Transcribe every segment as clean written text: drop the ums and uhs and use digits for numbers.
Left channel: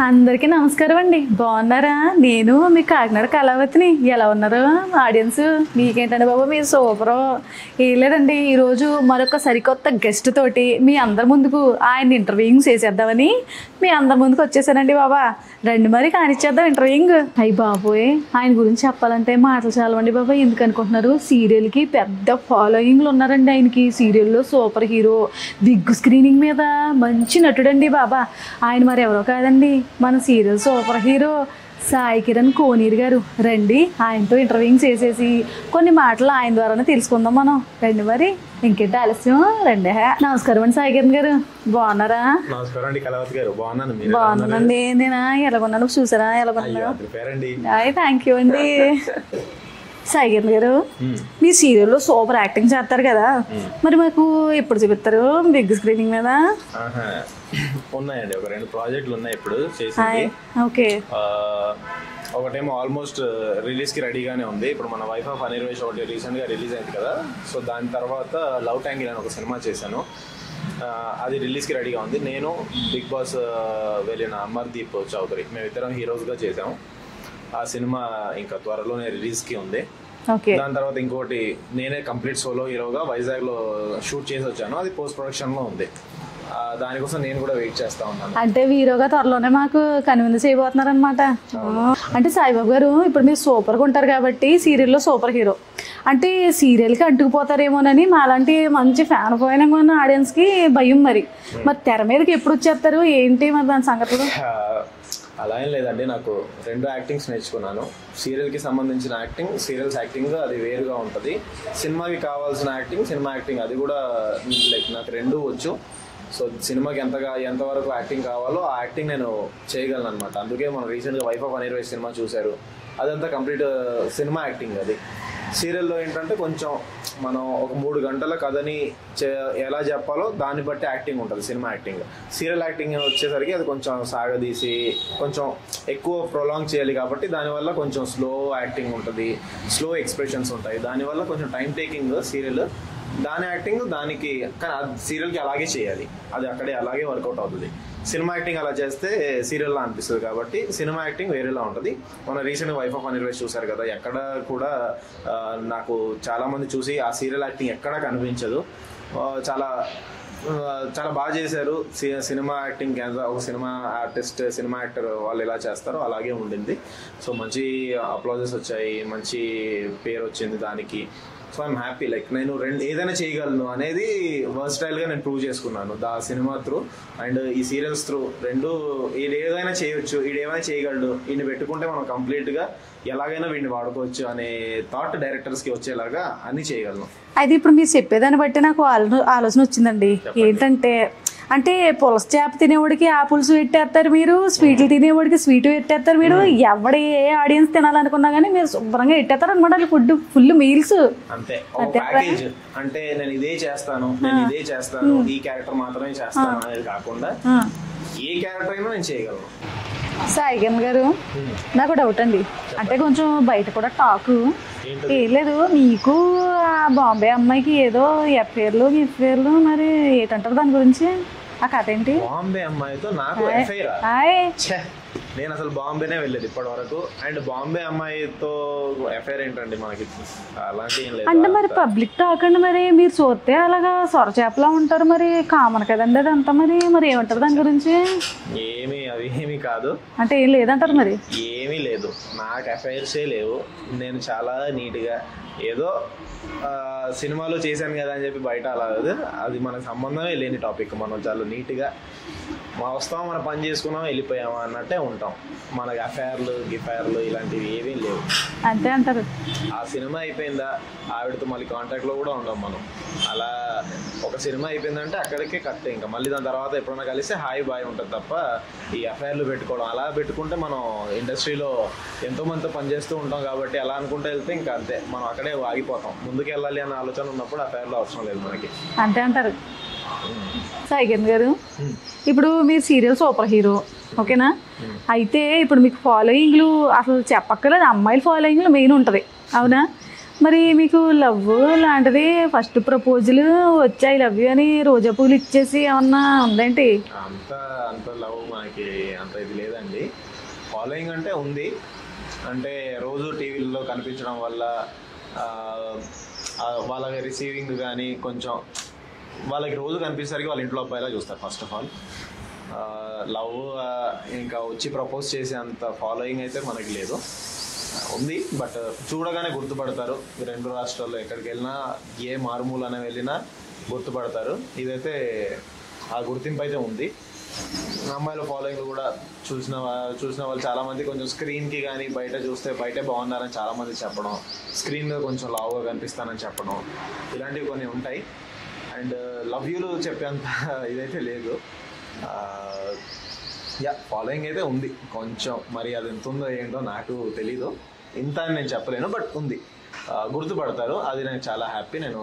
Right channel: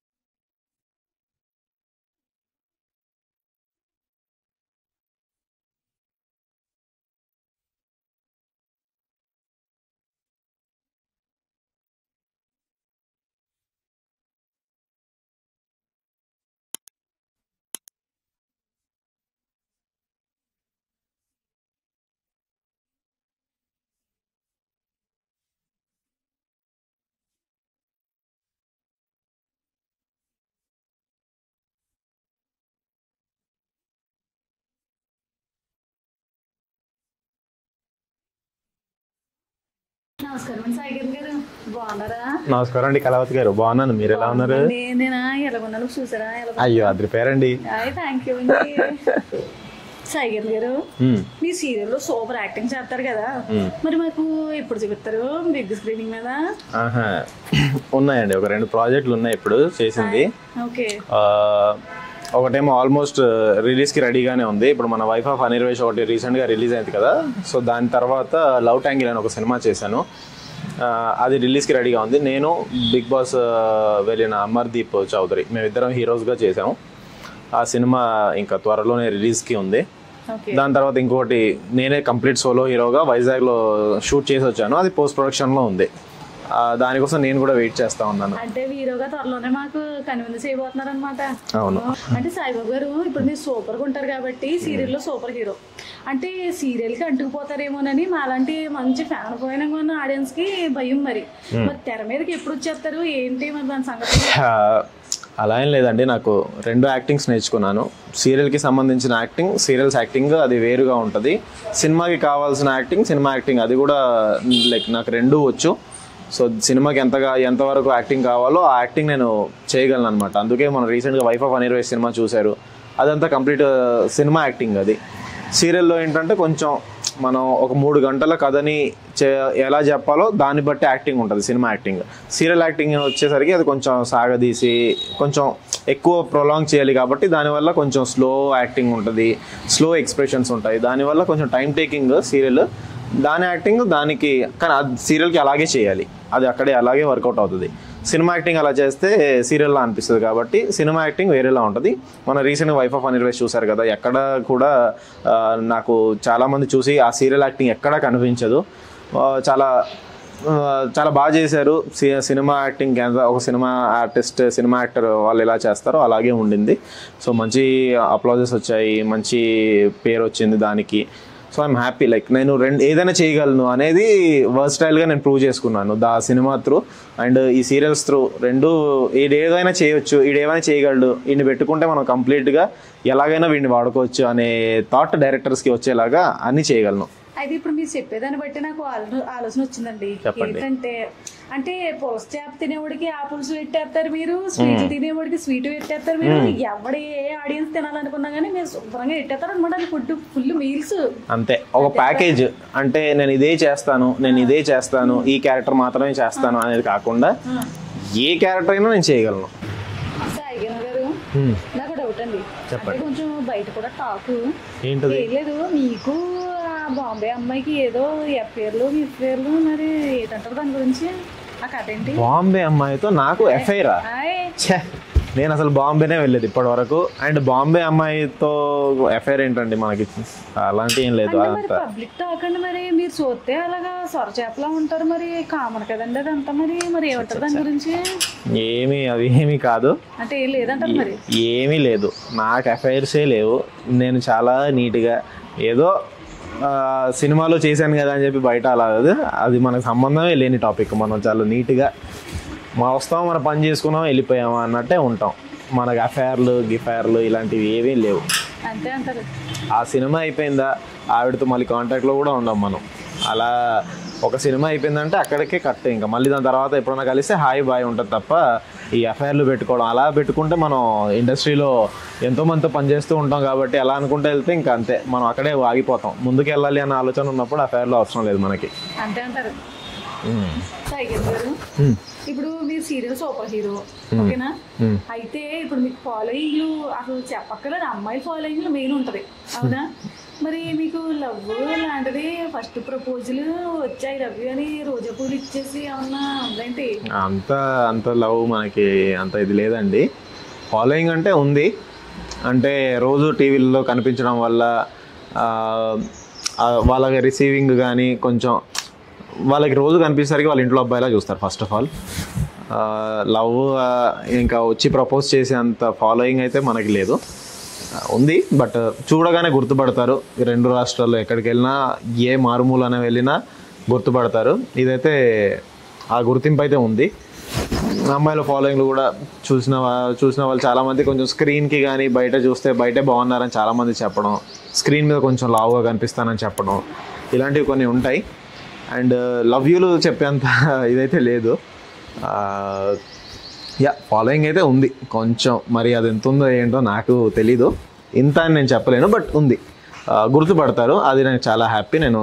అందరికీ నమస్కారం అండి. బాగున్నారా? నేను మీ కాకినాడ కళావతిని. ఎలా ఉన్నారు ఆడియన్స్? మీకేంటండి బాబు, మీరు సూపరు. ఏం లేదండి, ఈరోజు మరొక సరికొత్త గెస్ట్ తోటి మీ అందరి ముందుకు ఆయన ఇంటర్వ్యూయింగ్ చేసేద్దామని మీ అందరి ముందుకు వచ్చేసానండి. బాబా రండి మరి కానిచ్చేద్దాం ఇంటర్వ్యూయింగ్. అయ్యి బాబోయ్, ఆయన గురించి చెప్పాలంటే మాటలు చాలవండి బాబా. ఎందుకు అనుకుంటున్నారు? సీరియల్కి పెద్ద ఫాలోయింగ్లు ఉన్నారండి ఆయనకి. సీరియల్లో సూపర్ హీరో, బిగ్ స్క్రీనింగ్ మీద మంచి నటుడండి బాబా. ఆయన మరి ఎవరో కాదండి, మన serial super hero Sai Kiran Koneru garu. రండి ఆయనతో ఇంటర్వ్యూయింగ్ చేసేసి కొన్ని మాటలు ఆయన ద్వారానే తెలుసుకుందాం మనం. రండి మరి, ఇంకేంటి ఆలస్యం, రండి. నమస్కారం అండి సాయి కిరణ్ గారు, బాగున్నారా? నమస్కారం అండి కళావతి గారు, బాగున్నాను. మీరు బాగున్నానండి. నేను ఎలాగొన్నాను చూసారా? థ్యాంక్ యూ అండి. సాయి కిరణ్ గారు, మీ సీరియల్లో సూపర్ యాక్టింగ్ చేస్తారు కదా, మరి మాకు ఎప్పుడు చూపిస్తారు బిగ్ స్క్రీనింగ్ మీద? ఉన్నాయండి, ఒక 2 ప్రాజెక్టులు ఉన్నాయి ఇప్పుడు చేసింది. ఓకే, ఒకటేమో ఆల్మోస్ట్ రిలీజ్కి రెడీగానే ఉంది. ఇప్పుడు మన వైఫ్ ఆఫ్ అనిర్వేష్ ఒకటి రీసెంట్గా రిలీజ్ అయింది కదా, సో దాని తర్వాత లవ్ ట్యాంగిల్ అని ఒక సినిమా చేశాను, అది రిలీజ్కి రెడీగా ఉంది. నేను బిగ్ బాస్ వెళ్ళిన అమర్దీప్ చౌదరి, మేమిద్దరం హీరోస్గా చేసాము. ఆ సినిమా ఇంకా త్వరలోనే రిలీజ్కి ఉంది. దాని తర్వాత ఇంకోటి నేనే కంప్లీట్ సోలో హీరోగా వైజాగ్లో షూట్ చేసి వచ్చాను, అది పోస్ట్ ప్రొడక్షన్లో ఉంది. దానికోసం నేను కూడా వెయిట్ చేస్తా ఉన్నాను. అంటే హీరోగా త్వరలోనే మాకు కన్విన్స్ చేయబోతున్నారు అనమాట. అంటే సాయిబాబు గారు, ఇప్పుడు మీరు సూపర్గా ఉంటారు కాబట్టి సీరియల్లో సూపర్ హీరో అంటే సీరియల్కి అంటుకుపోతారేమోనని మాలాంటి మంచి ఫ్యాన్ ఫాలోయింగ్ ఉన్న ఆడియన్స్కి భయం. మరి తెర మీదకి ఎప్పుడు వచ్చేస్తారు ఏంటి మరి దాని సంగతి? అలా ఏం లేదండి, నాకు 2 యాక్టింగ్స్ నేర్చుకున్నాను. సీరియల్కి సంబంధించిన యాక్టింగ్, సీరియల్స్ యాక్టింగ్ అది వేరుగా ఉంటుంది. సినిమాకి కావాల్సిన యాక్టింగ్, సినిమా యాక్టింగ్ అది కూడా లైక్ నాకు 2 వచ్చు. సో సినిమాకి ఎంతవరకు యాక్టింగ్ కావాలో ఆ యాక్టింగ్ నేను చేయగలను అనమాట. అందుకే మనం రీసెంట్గా వైఫ్ ఆఫ్ అనిర్వేష్ సినిమా చూశారు, అదంతా కంప్లీట్ సినిమా యాక్టింగ్. అది సీరియల్లో ఏంటంటే కొంచెం మనం ఒక 3 గంటల కథని ఎలా చెప్పాలో దాన్ని బట్టి యాక్టింగ్ ఉంటుంది సినిమా యాక్టింగ్. సీరియల్ యాక్టింగ్ వచ్చేసరికి అది కొంచెం సాగదీసి కొంచెం ఎక్కువ ప్రొలాంగ్ చేయాలి కాబట్టి దానివల్ల కొంచెం స్లో యాక్టింగ్ ఉంటుంది, స్లో ఎక్స్ప్రెషన్స్ ఉంటాయి. దానివల్ల కొంచెం టైం టేకింగ్ సీరియల్. దాని యాక్టింగ్ దానికి, కానీ అది సీరియల్కి అలాగే చేయాలి, అది అక్కడే అలాగే వర్కౌట్ అవుతుంది. సినిమా యాక్టింగ్ అలా చేస్తే సీరియల్లా అనిపిస్తుంది కాబట్టి సినిమా యాక్టింగ్ వేరేలా ఉంటుంది. మన రీసెంట్గా వైఫ్ ఆఫ్ అనిర్వేష్ చూశారు కదా, ఎక్కడ కూడా నాకు చాలామంది చూసి ఆ సీరియల్ యాక్టింగ్ ఎక్కడా కనిపించదు. చాలా చాలా బాగా చేశారు సినిమా యాక్టింగ్. ఒక సినిమా ఆర్టిస్ట్, సినిమా యాక్టర్ వాళ్ళు ఎలా చేస్తారో అలాగే ఉండింది. సో మంచి అప్లాజెస్ వచ్చాయి, మంచి పేరు వచ్చింది దానికి. సో ఐఎమ్ హ్యాపీ, లైక్ నేను ఏదైనా చేయగలను అనేది వర్స్టైల్గా నేను ప్రూవ్ చేసుకున్నాను దా సినిమా త్రూ అండ్ ఈ సీరియల్స్ త్రూ. ఏదైనా చేయొచ్చు, ఏమైనా చేయగలడు, వీడిని పెట్టుకుంటే మనం కంప్లీట్గా ఎలాగైనా వీడిని వాడుకోవచ్చు అనే థాట్ డైరెక్టర్స్కి వచ్చేలాగా అన్నీ చేయగలను. అయితే ఇప్పుడు మీరు చెప్పేదాన్ని బట్టి నాకు ఆలోచన వచ్చిందండి. ఏంటంటే అంటే పులస చేప తినేవాడికి ఆ పులుసు పెట్టేస్తారు మీరు, స్వీట్లు తినేవాడికి స్వీట్ పెట్టేస్తారు మీరు. ఎవడ ఏ ఆడియన్స్ తినాలనుకున్నా కానీ మీరు శుభ్రంగా పెట్టేస్తారు అనమాట ఫుడ్, ఫుల్ మీల్స్ అంతే. ఒక ప్యాకేజ్ అంటే నేను ఇదే చేస్తాను, ఈ క్యారెక్టర్ మాత్రమే చేస్తాను అనేది కాకుండా ఏ క్యారెక్టర్ అయినా నేను చేయగలను. సాయి కిరణ్ గారు, నాకు డౌట్ అండి. అంటే కొంచెం బయట కూడా టాక్ ఏం లేదు, మీకు ఆ బాంబే అమ్మాయికి ఏదో ఎఫ్ఐఆర్లు మరి ఏంటంటారు దాని గురించి? ఆ కథ ఏంటి? బాంబే అమ్మాయితో నాకు ఎఫ్ఐఆర్? నేను అసలు బాంబేనే వెళ్ళలేదు ఇప్పటి వరకు. అండ్ బాంబే అమ్మాయితో ఎఫ్ఐఆర్ ఏంటండి మనకి? అలాంటి ఏం లేదు. మరి పబ్లిక్ టాక్ అండి, మరి మీరు చూస్తే అలాగా సొరచేపలా ఉంటారు, మరి కామన్ కదండి అదంతా. మరి ఏమంటారు దాని గురించి? అవి ఏమీ కాదు అంటే ఏం లేదంటారు? మరి ఏమీ లేదు, నాకు ఎఫ్ఐఆర్సే లేవు. నేను చాలా నీట్గా ఏదో సినిమాలో చేశాను కదా అని చెప్పి బయట అలా, అది మనకు సంబంధమే లేని టాపిక్. మనం చాలా నీట్గా వస్తాం, మన పని చేసుకున్నాం, వెళ్ళిపోయామా అన్నట్టే ఉంటాం. మనకు గిఫైర్లు ఇలాంటివి ఏమీ లేవు. అంతే అంటారు. ఆ సినిమా అయిపోయిందా, ఆవిడతో మళ్ళీ కాంటాక్ట్లో కూడా ఉండం మనం. అలా ఒక సినిమా అయిపోయిందంటే అక్కడికే కట్. ఇంకా మళ్ళీ దాని తర్వాత ఎప్పుడైనా కలిస్తే హాయ్ బాయ్ ఉంటుంది తప్ప ఈ ఎఫ్ఐఆర్లు పెట్టుకోవడం, అలా పెట్టుకుంటే మనం ఇండస్ట్రీలో ఎంతోమందితో పనిచేస్తూ ఉంటాం కాబట్టి అలా అనుకుంటూ వెళ్తే ఇంకా అంతే, మనం అక్కడే ఆగిపోతాం. ముందుకు వెళ్ళాలి అన్న ఆలోచన ఉన్నప్పుడు ఎఫ్ఐఆర్లు అవసరం లేదు మనకి. అంతే అంటారు. సాయి కిరణ్ గారు, ఇప్పుడు మీరు సీరియల్ సూపర్ హీరో, ఓకేనా? అయితే ఇప్పుడు మీకు ఫాలోయింగ్లు అసలు చెప్పక్కర్లేదు, అమ్మాయిల ఫాలోయింగ్లు మెయిన్ ఉంటుంది, అవునా? మరి మీకు లవ్ లాంటిది ఫస్ట్ ప్రపోజల్ వచ్చి ఐ లవ్ యూ అని రోజా పూలు ఇచ్చేసి ఏమన్నా ఉందేంటి? అంత లవ్ మనకి అంత ఇది లేదండి. ఫాలోయింగ్ అంటే ఉంది, అంటే రోజు టీవీల్లో కనిపించడం వల్ల వాళ్ళకి రిసీవింగ్ కానీ కొంచెం వాళ్ళకి రోజు కనిపించేసరికి వాళ్ళ ఇంట్లో అబ్బాయిలా చూస్తారు. ఫస్ట్ ఆఫ్ ఆల్ లవ్ ఇంకా వచ్చి ప్రపోజ్ చేసే అంత ఫాలోయింగ్ అయితే మనకి లేదు, ఉంది. బట్ చూడగానే గుర్తుపడతారు. 2 రాష్ట్రాల్లో ఎక్కడికి వెళ్ళినా, ఏ మారుమూలన వెళ్ళినా గుర్తుపడతారు. ఇదైతే ఆ గుర్తింపు అయితే ఉంది. అమ్మాయిల ఫాలోయింగ్లు కూడా చూసిన వాళ్ళు చాలామంది కొంచెం స్క్రీన్కి కానీ బయట చూస్తే బయటే బాగున్నారని చాలామంది చెప్పడం, స్క్రీన్ మీద కొంచెం లావుగా కనిపిస్తానని చెప్పడం, ఇలాంటివి కొన్ని ఉంటాయి. అండ్ లవ్ యూలు చెప్పేంత ఇదైతే లేదు. ఫాలోయింగ్ అయితే ఉంది కొంచెం, మరి అది ఎంత ఉందో ఏంటో నాకు తెలీదు, ఇంత అని నేను చెప్పలేను, బట్ ఉంది, గుర్తుపడతారు. అది నేను చాలా హ్యాపీ. నేను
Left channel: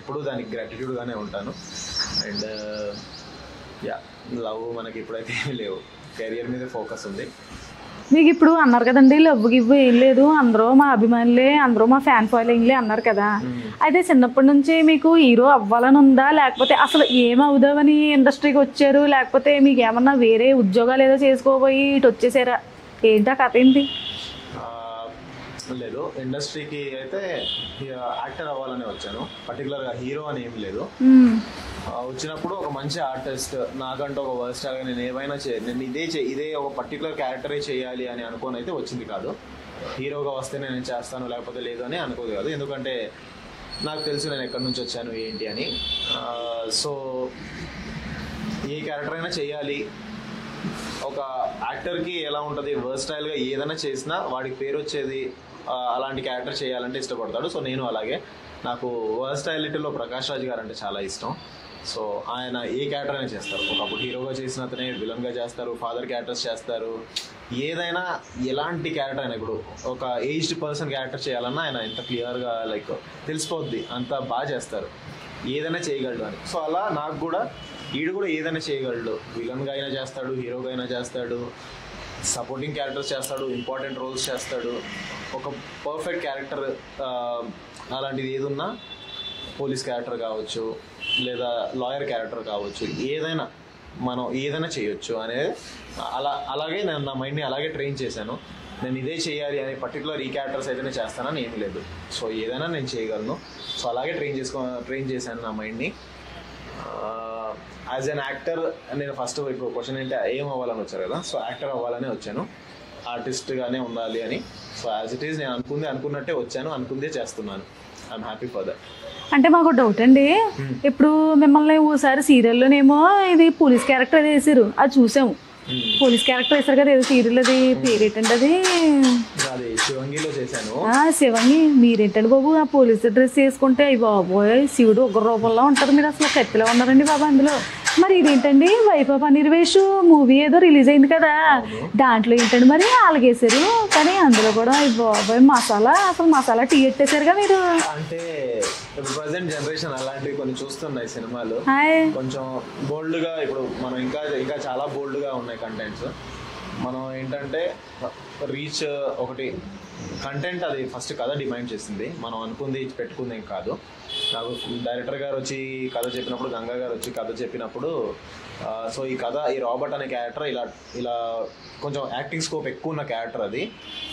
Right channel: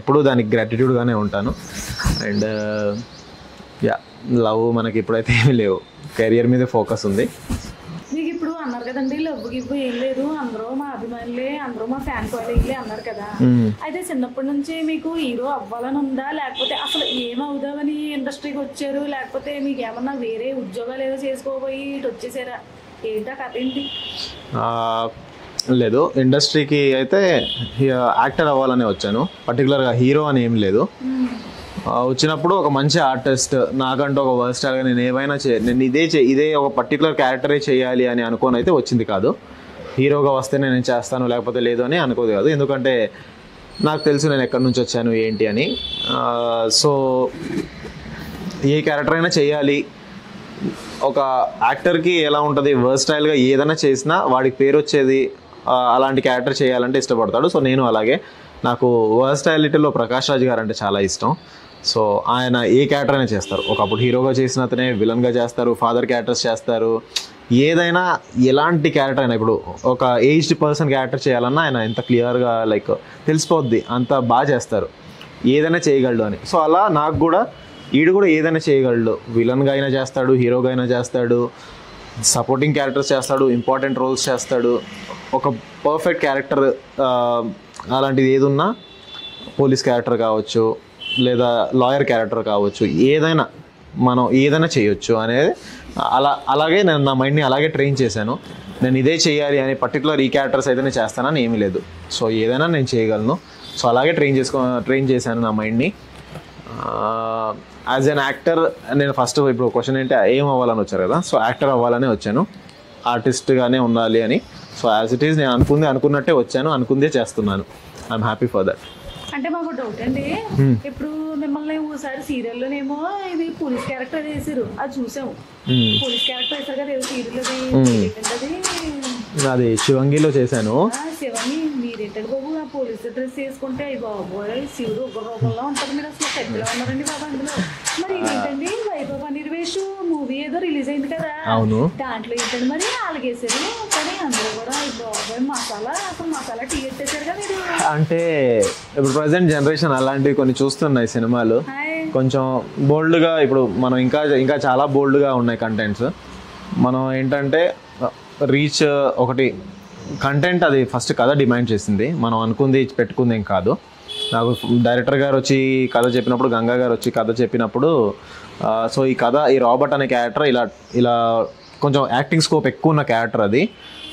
ఎప్పుడూ దానికి గ్రాటిట్యూడ్గానే ఉంటాను. అండ్ లవ్ మనకి ఇప్పుడైతే ఏమీ లేవు, కెరియర్ మీద ఫోకస్ ఉంది. మీకు ఇప్పుడు అన్నారు కదండి లవ్ గివ్ ఏం లేదు, అందరూ మా అభిమానులే, అందరూ మా ఫ్యాన్ ఫాలోయింగ్లే అన్నారు కదా. అయితే చిన్నప్పటి నుంచి మీకు హీరో అవ్వాలని ఉందా, లేకపోతే అసలు ఏమవుదామని ఇండస్ట్రీకి వచ్చారు, లేకపోతే మీకు ఏమన్నా వేరే ఉద్యోగాలు ఏదో చేసుకోబోయి ఇటు వచ్చేసారా, ఏంటా కథ ఏంటి? లేదు, ఇండస్ట్రీకి అయితే యాక్టర్ అవ్వాలని వచ్చాను, పర్టికులర్గా హీరో అని ఏం లేదు. వచ్చినప్పుడు ఒక మంచి ఆర్టిస్ట్, నాకంటూ ఒక వర్స్టార్గా నేను ఏమైనా నేను ఇదే ఒక పర్టికులర్ క్యారెక్టరే చేయాలి అని అనుకోని అయితే వచ్చింది కాదు. హీరోగా వస్తే నేను చేస్తాను లేకపోతే లేదు అని అనుకోదు కాదు, ఎందుకంటే నాకు తెలుసు నేను ఎక్కడి నుంచి వచ్చాను ఏంటి అని. సో ఏ క్యారెక్టర్ అయినా చేయాలి. ఒక యాక్టర్కి ఎలా ఉంటుంది, వర్స్టైల్గా ఏదైనా చేసినా వాడికి పేరు వచ్చేది, అలాంటి క్యారెక్టర్ చేయాలంటే ఇష్టపడతాడు. సో నేను అలాగే, నాకు వర్స్టైలిటీలో ప్రకాష్ రాజ్ గారు అంటే చాలా ఇష్టం. సో ఆయన ఏ క్యారెక్టర్ అయినా చేస్తారు. ఒకప్పుడు హీరోగా చేసిన అతనే విలన్గా చేస్తారు, ఫాదర్ క్యారెక్టర్స్ చేస్తారు, ఏదైనా ఎలాంటి క్యారెక్టర్ అయినా. ఇప్పుడు ఒక ఏజ్డ్ పర్సన్ క్యారెక్టర్ చేయాలన్నా ఆయన ఎంత క్లియర్గా లైక్ తెలిసిపోద్ది, అంత బాగా చేస్తారు, ఏదైనా చేయగలడు అని. సో అలా నాకు కూడా ఈడు కూడా ఏదైనా చేయగలడు, విలన్గా అయినా చేస్తాడు, హీరోగా అయినా చేస్తాడు, సపోర్టింగ్ క్యారెక్టర్స్ చేస్తాడు, ఇంపార్టెంట్ రోల్స్ చేస్తాడు. ఒక పర్ఫెక్ట్ క్యారెక్టర్ అలాంటిది ఏదున్నా, పోలీస్ క్యారెక్టర్ కావచ్చు లేదా లాయర్ క్యారెక్టర్ కావచ్చు, ఏదైనా మనం ఏదైనా చేయొచ్చు అనేది అలాగే నేను నా మైండ్ని అలాగే ట్రైన్ చేశాను. నేను ఇదే చేయాలి అని పర్టికులర్ ఈ క్యారెక్టర్స్ అయితేనే చేస్తానని ఏమీ లేదు. సో ఏదైనా నేను చేయగలను. సో అలాగే ట్రైన్ చేశాను నా మైండ్ని. యాజ్ అన్ యాక్టర్ నేను ఫస్ట్, ఇప్పుడు క్వశ్చన్ ఏంటి ఏం అవ్వాలని వచ్చారు కదా, సో యాక్టర్ అవ్వాలనే వచ్చాను, ఆర్టిస్ట్గానే ఉండాలి అని. సో యాజ్ ఇట్ ఈస్ నేను అనుకున్నట్టే వచ్చాను, అనుకుందే చేస్తున్నాను. I'm happy for that. అంటే మాకు డౌట్ అండి, ఇప్పుడు మిమ్మల్ని ఓసారి సీరియల్లోనేమో ఇది పోలీస్ క్యారెక్టర్ అది వేసారు, అది చూసాము. పోలీస్ క్యారెక్టర్ వేసారు కదా, ఏదో సీరియల్ అది పేరేంటండి, అది శివంగిలో చేశాను. శివంగి మీరేంటండి బాబు ఆ పోలీస్ డ్రెస్ వేసుకుంటే అయ్యి బాబోయ్ శివుడు ఒక రూపంలో ఉంటారు, మీరు అసలు కత్తిలో ఉన్నారండి బాబా అందులో. మరి ఇదేంటండి వైఫ్ ఆఫ్ అనిర్వేష్ మూవీ ఏదో రిలీజ్ అయింది కదా, దాంట్లో ఏంటండి మరి అలాగేసారు, కానీ అందులో కూడా అయ్యి బాబోయ్ అసలు మసాలా టీ ఎట్టేసారుగా మీరు. అంటే ఇప్పుడు ప్రజెంట్ జనరేషన్ అలాంటివి కొన్ని చూస్తున్నాయి సినిమాలు, కొంచెం బోల్డ్గా. ఇప్పుడు మనం ఇంకా చాలా బోల్డ్గా ఉన్నాయి కంటెంట్స్. మనం ఏంటంటే రీచ్ ఒకటి కంటెంట్, అది ఫస్ట్ కథ డిమాండ్ చేసింది, మనం అనుకుంది పెట్టుకుంది ఏం కాదు. నాకు డైరెక్టర్ గారు వచ్చి కథ చెప్పినప్పుడు, గంగా గారు వచ్చి కథ చెప్పినప్పుడు, సో ఈ కథ, ఈ రాబర్ట్ అనే క్యారెక్టర్ ఇలా కొంచెం యాక్టింగ్ స్కోప్ ఎక్కువ ఉన్న క్యారెక్టర్, అది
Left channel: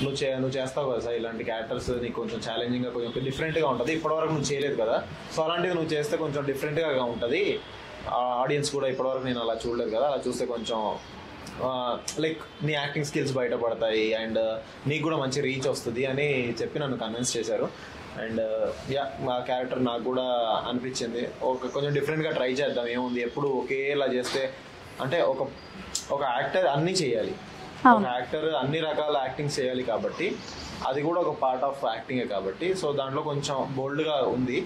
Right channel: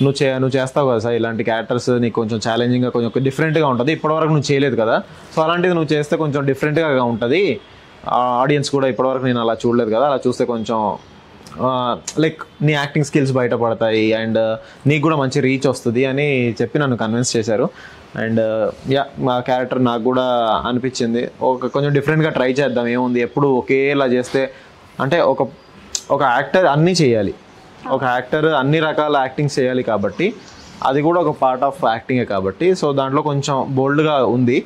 నువ్వు చేస్తావు కదా సార్, ఇలాంటి క్యారెక్టర్స్ నీకు కొంచెం ఛాలెంజింగ్గా కొంచెం డిఫరెంట్గా ఉంటుంది, ఇప్పటివరకు నువ్వు చేయలేదు కదా, సో అలాంటిది నువ్వు చేస్తే కొంచెం డిఫరెంట్గా ఉంటుంది, ఆడియన్స్ కూడా ఇప్పటివరకు నేను అలా చూడలేదు కదా, అలా చూస్తే కొంచెం లైక్ నీ యాక్టింగ్ స్కిల్స్ బయటపడతాయి అండ్ నీకు కూడా మంచి రీచ్ వస్తుంది అని చెప్పి నన్ను కన్విన్స్ చేశారు. అండ్ మా క్యారెక్టర్ నాకు కూడా అనిపించింది కొంచెం డిఫరెంట్గా ట్రై చేద్దాం, ఏముంది ఎప్పుడు ఒకేలా చేస్తే, అంటే ఒక యాక్టర్ అన్నీ చేయాలి, ఒక యాక్టర్ అన్ని రకాల యాక్టింగ్ చేయాలి కాబట్టి అది కూడా ఒక పార్ట్ ఆఫ్ యాక్టింగే కాబట్టి, సో దాంట్లో కొంచెం బోల్డ్గా ఉంది.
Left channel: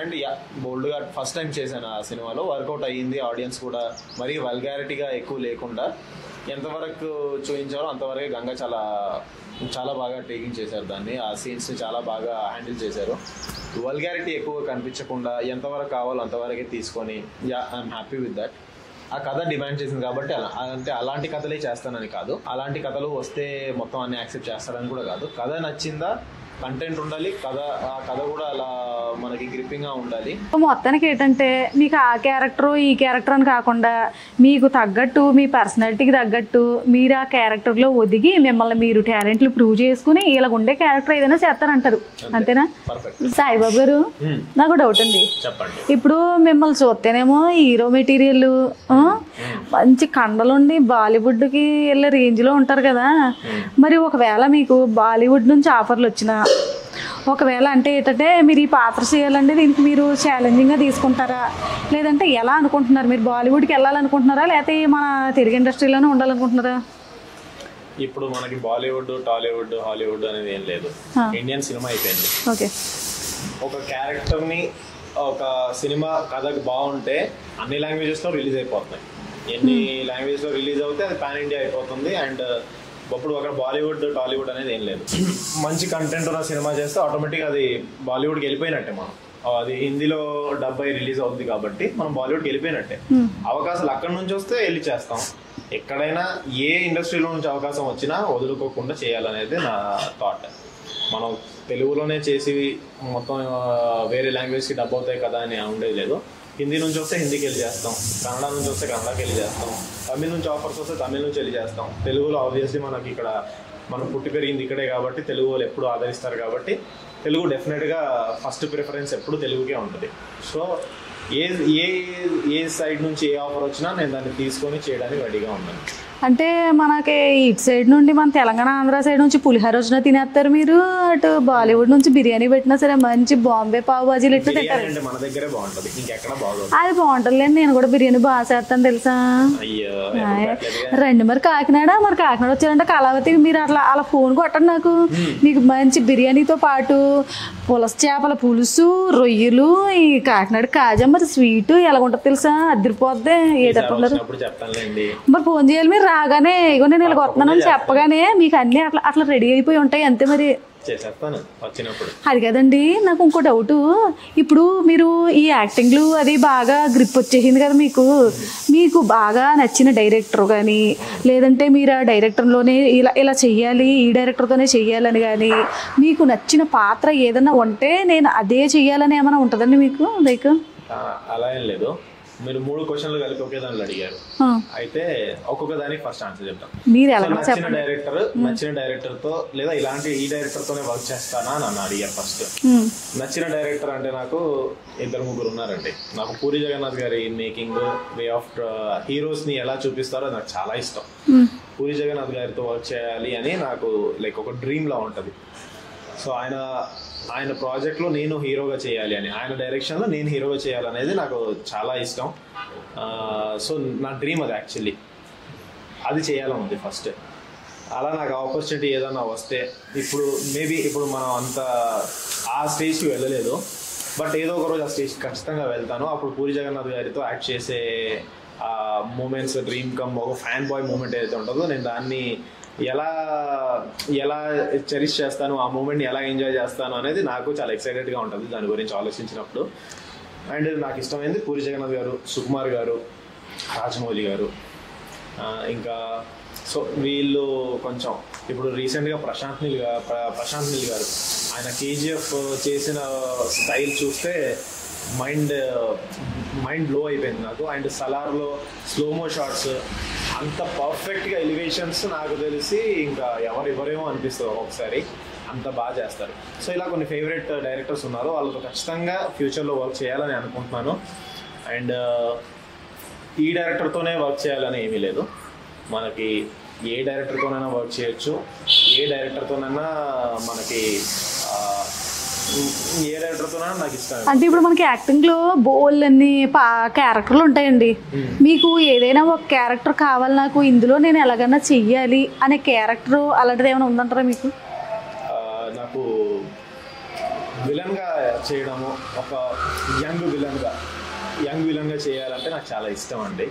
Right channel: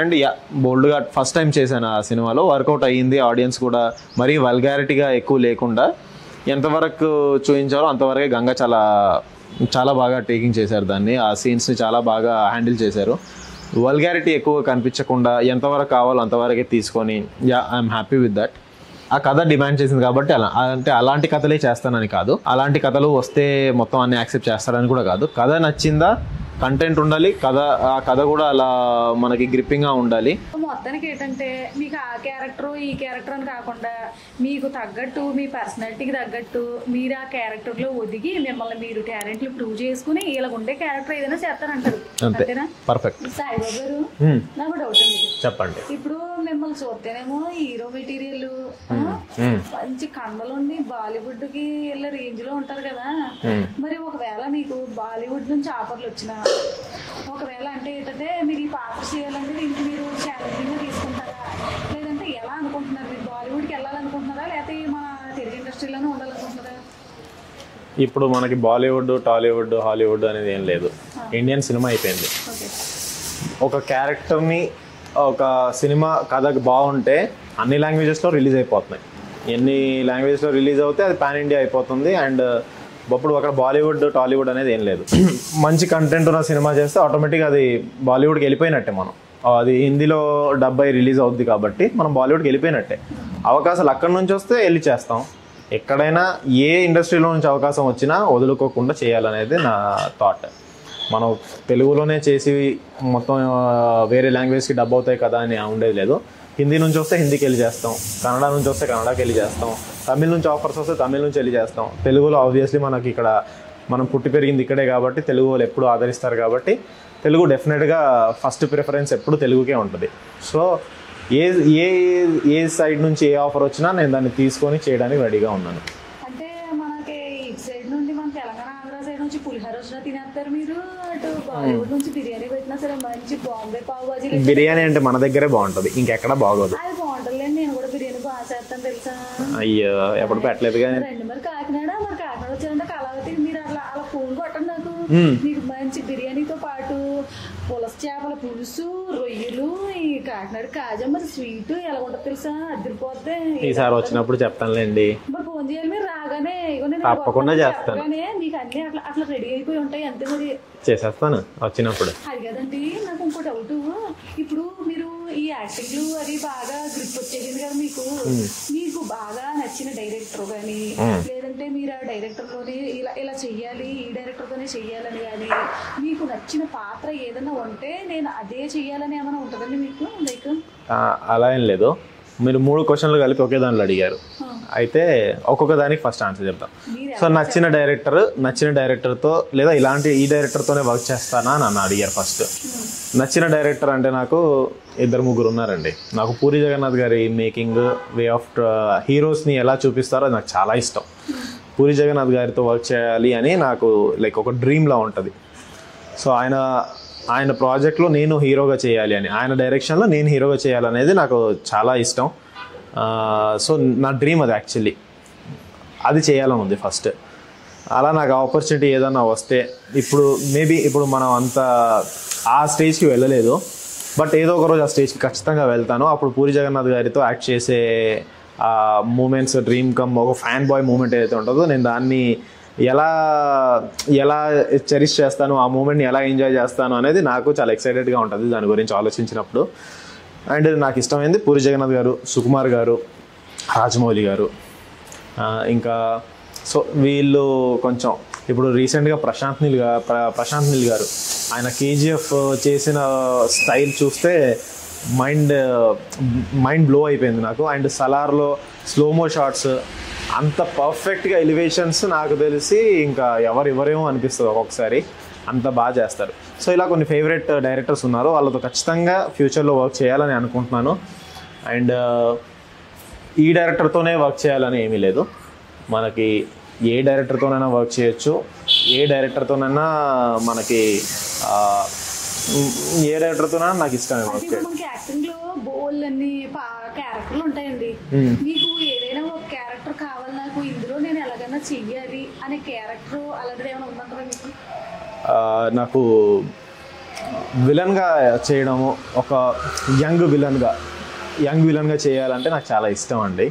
అండ్ బోల్డ్గా ఫస్ట్ టైం చేశాను ఆ సినిమాలో, వర్కౌట్ అయ్యింది. ఆడియన్స్ కూడా మరీ వల్గారిటీగా ఎక్కువ లేకుండా ఎంతవరకు చూపించాలో అంతవరకే గంగా చాలా బాగా టేకింగ్ చేశారు దాన్ని, ఆ సీన్స్ని చాలా బాగా హ్యాండిల్ చేశారు. వల్గారిటీ ఎక్కువ కనిపించకుండా ఎంతవరకు కావాలో అంతవరకే తీసుకొని ఐఎమ్ హ్యాపీ విత్ దట్. ఆ కథ డిమాండ్ చేసింది కాబట్టి అలాంటి కథలే చేస్తానని కాదు, అలాంటి కథలు వస్తే మొత్తం అన్ని యాక్సెప్ట్ చేస్తారని కూడా కాదు. కథ నచ్చిందా, కంటెంట్ ఉండాలి, ఆ కథ కూడా అలా మనకి గ్రిప్పింగ్గా ఉండాలి. మొత్తానికి ఏంటంటే మీకు ఆ క్యారెక్టర్ ఈ క్యారెక్టర్ అని కాకుండా మీకు తగ్గట్టు మీ పర్సనాలిటీకి తగ్గట్టు మీరు ఆ క్యారెక్టర్లో ఒదిగి మిమ్మల్ని మీరు టాలెంట్లు ప్రూవ్ చేసుకుని ఇలా ఉండే క్యారెక్టర్ ఏదైనా చేస్తారంటారు, అంతేనా? పర్ఫెక్ట్. సాయిబాబు గారు, నాకు డౌట్ అండి. చెప్పండి. ఇప్పుడు మిమ్మల్ని చూస్తేనేమో హీరో మెటీరియల్ మంచి కండలుండి బాలీవుడ్కి వెళ్ళే రేంజ్లో ఉంటారు కదా. మరి ఒకవేళ మీకు బాలీవుడ్ నుంచి ఆఫర్లు వచ్చినా, ఒకవేళ అంటే ఏంటంటే మీరు ఈ పాత్ర చేయాలంటే దీనికి మీరు ఛాలెంజింగ్గా తీసుకుంటారా, లేదంటే ఎలా అనుకుంటున్నారు? మీరు బాలీవుడ్కి వెళ్ళాలనుకుంటున్నారా, లేకపోతే మన తెలుగు ఇండస్ట్రీలోనే ఉండాలనుకుంటున్నారా? ఇప్పుడు మనకి బాలీవుడ్, టాలీవుడ్, హాలీవుడ్ అనేది ఏం లేదు. ఇండియన్ సినిమా అయిపోయింది. ఓకే. ఒక క్యారెక్టర్ని, ఒక సినిమా కథ బాగుంటే అన్ని లాంగ్వేజెస్లో రిలీజ్ అయిపోతున్నాయి. ఎన్ని లాంగ్వేజ్లో రిలీజ్ అవుతే అది పాన్ ఇండియా అయిపోతుంది. అండ్ అప్పుడు అక్కడ బాలీవుడ్, టాలీవుడ్ అనేది ఏం లేదు. మంచి కంటెంట్ ఉన్న సినిమా చేస్తే ఆటోమేటిక్గా అది బాలీవుడ్కి వెళ్ళిపోయినట్టే. మనం అది హిందీలో డబ్బై రిలీజ్ అవుద్ది కాబట్టి మనం బాలీవుడ్కి వెళ్ళిపోయినట్టే. అవకాశాలు అక్కడి నుంచి వస్తే వెళ్ళి చేస్తాం. ఎక్కడైనా ఏ ఇండస్ట్రీలో నుంచి అవకాశం వచ్చినా వదులుకోకుండా చేయాలనేది నా థాట్. మనం తెలుగులోనే చేసి మొత్తం వేరే లాంగ్వేజ్కి డబ్బు అవుతాయి కదా అని ఉండేది లేదు. హిందీ నుంచి వస్తే హిందీకి వెళ్ళి చేస్తాం, కన్నడ నుంచి వస్తే కన్నడకి వెళ్ళి చేస్తాం, తమిళ నుంచి ఆఫర్స్ వస్తే తమిళ నుంచి వెళ్ళి చేస్తాం. తెలుగులో ఆబ్వియస్లీ మనకి ఇక్కడ మనం పుట్టి పెరిగింది ఇక్కడే కాబట్టి తెలుగు వాళ్ళు ఎప్పుడు ఆదరిస్తారు కాబట్టి తెలుగు డెఫినెట్గా ఫస్ట్ ప్రిఫరెన్స్ ఎప్పుడు తెలుగుకే ఉంటుంది. సో ఏ ఏ ఏ సైడ్ నుంచి ఏ ఆఫర్ వచ్చినా నేను దాన్ని తీసుకొని చేయడానికి రెడీగా ఉన్నాను. అంటే మనకి ఇటు సైడ్ నుండి మన తెలంగాణ ఆంధ్ర సైడ్ నుంచి పులిహోర వచ్చినా తినేస్తారు మీరు, అటు బాలీవుడ్ నుంచి బిర్యానీ పెట్టినా సరే మంచి బాంబే పావు బాజీలు. బిర్యానీ అంటే మన దగ్గరే బాగుంటుంది, ఇంకెక్కడ బాగోదు. అది బాగుంటుంది. నేను కూడా బిర్యానీ బాగా చేస్తాను తెలుసా. అయ్యో, ఎప్పుడు పెట్టలేదు. రండి మరి కాకినాడ వచ్చారంటే కళావతి మీరు అలా ఫోన్ కొట్టండి నాకు. మీకు మంచి బిర్యానీతో పాటు పులస చేపల పులుసు, రొయ్యలు, ఈ కాకినాడ కాజా, మరి స్వీట్ ఎలా ఉంటుంది తెలుసా, అదిరిపోద్ది. వచ్చినప్పుడు చెప్తానులేండి. మరి ఫోన్ చేయాలి మీరు రాగానే. ఇగో నేను వస్తున్నాను చెప్పగానే మీకు అన్ని అట్లా రెడీ అయిపోయి ఉంటాయి అంతే. మరి చేసేస్తాను వచ్చినప్పుడు. అది కదండి, నాకు ఇంకో డౌట్. ఇప్పుడు మీరు ఈ యాక్టింగ్లు అది బాగా గ్రిప్ వచ్చేసింది కదా మీకు బాగా నచ్చిన డైరెక్టర్ కానీ, లేదంటే మీరు ఆ డైరెక్టర్లోనే ఇలా చెయ్యాలి, ఈ డైరెక్టర్తోనే చెయ్యాలని కానీ, మీకు నచ్చిన పాత్ర ఏదైనా ఉంటే నేను అదే చెయ్యాలని ఏమైనా ఉంటుందండి మీకు? లైక్ అలా ఏం లేదు. మీరు 3 క్వశ్చన్లు కలిపి ఒకే దానిలో అడిగారు. అయితే ఒక్కొక్క దానికి ఫస్ట్ ఆన్సర్ చెప్తాను. సో నచ్చిన డైరెక్టర్తో లేదా ఈ డైరెక్టర్తోనే వర్క్ చేస్తానా అని అడిగారు ఫస్ట్. నచ్చిన డైరెక్టర్ అంటే నాకు 2-3 ఉన్నారండి. నాకు పూరి జగన్నాథ్ గారి మేకింగ్, వే ఆఫ్ హీరోస్ని ఎలా చూపిస్తారో నాకు చాలా ఇష్టం. పూరి జగన్నాథ్ గారితో వర్క్ చేయాలి అని నాకు లైక్ ఒక డ్రీమ్లా ఉంటుంది. సో ఆయన ప్రాజెక్ట్లో నేను హీరోగా చేయాలి అని, ఆయన డైరెక్షన్లో నేను హీరోగా చేయాలనేది నాకు చాలా ఇష్టం. సో నా డ్రీమ్ అది యాక్చువల్లీ, అది చేయాలని ఉంది ఫస్ట్. అలా నాకు ఆపర్చునిటీ ఏదన్నా వస్తే, ఇప్పుడు మనం అంత ఆ స్టేజ్కి వెళ్ళలేదు, బట్ ఏదో ఒక రోజు ఆ స్టేజ్కి ఖచ్చితంగా వెళ్తాను. అప్పుడు పూరి జగన్నాథ్ గారితో యాక్ట్ చేసే ఆ మూమెంట్స్, డ్రీమ్ కమ్ ఒక ఫ్యాన్ బాయ్ మూమెంట్ ఏదైతే ఉంటుందో నేను దాన్ని ఎలా చెరిష్ చేస్తాను, ఆ మూమెంట్ని ఎలా ఎంజాయ్ చేస్తాను అనేది నాకు చాలా ఎక్సైటెడ్గా ఉంటుంది దాని గురించి ఆలోచించినప్పుడు. అండ్ నాకు ఇష్టమైంది పూరి జగన్నాథ్ గారు, సుకుమార్ గారు, రాజమౌళి గారు. ఇంకా సో వీళ్ళు కొంచెం ఇప్పుడు రీసెంట్గా ప్రశాంత్ నీల్ గారు ఆయన కేజీఎఫ్ చేసిన స్టైల్ చూస్తే మైండ్ బ్లో అయిపోయింది నాకు. అండ్ సలార్లో స్లోమో షాట్స్ అంత పర్ఫెక్ట్గా ఎలివేషన్స్ నాకు తెలిసి ఇంకా ఎవరేమో అనిపిస్తుంది ఒక్కొక్కసారి, అంత బాగా చేస్తారు. సో ఇలా కొన్ని ఫేవరెట్ డైరెక్టర్స్ ఉన్నారు, వాళ్ళతో ఖచ్చితంగా ఫ్యూచర్లో వర్క్ చేయాలని అనుకుంటున్నాను. అండ్ ఈ డైరెక్టర్తోనే వర్క్ చేయాలని ఏమీ లేదు, మనకి ఏ డైరెక్టర్తోనైనా వర్క్ చేయొచ్చు, ఏ డైరెక్టర్తోనైనా నాకు ఇష్టం. అంటే ఇప్పుడు మనకి యాక్టింగ్ లో బోల్డ్ అన్ని క్యారెక్టర్లు ఉంటాయండి. మీకు ఏదైనా ఒక క్యారెక్టర్ కావాలి, నాకు ఇందులో నేను ఎలాగైనా చెయ్యాలి అనే క్యారెక్టర్ అలాంటిది ఏమైనా ఉందంటారా మీకు? నాకు విలన్గా చేయడము, ఒక యంగ్ విలన్గా చేయాలంటే నాకు చాలా ఇష్టం అండి.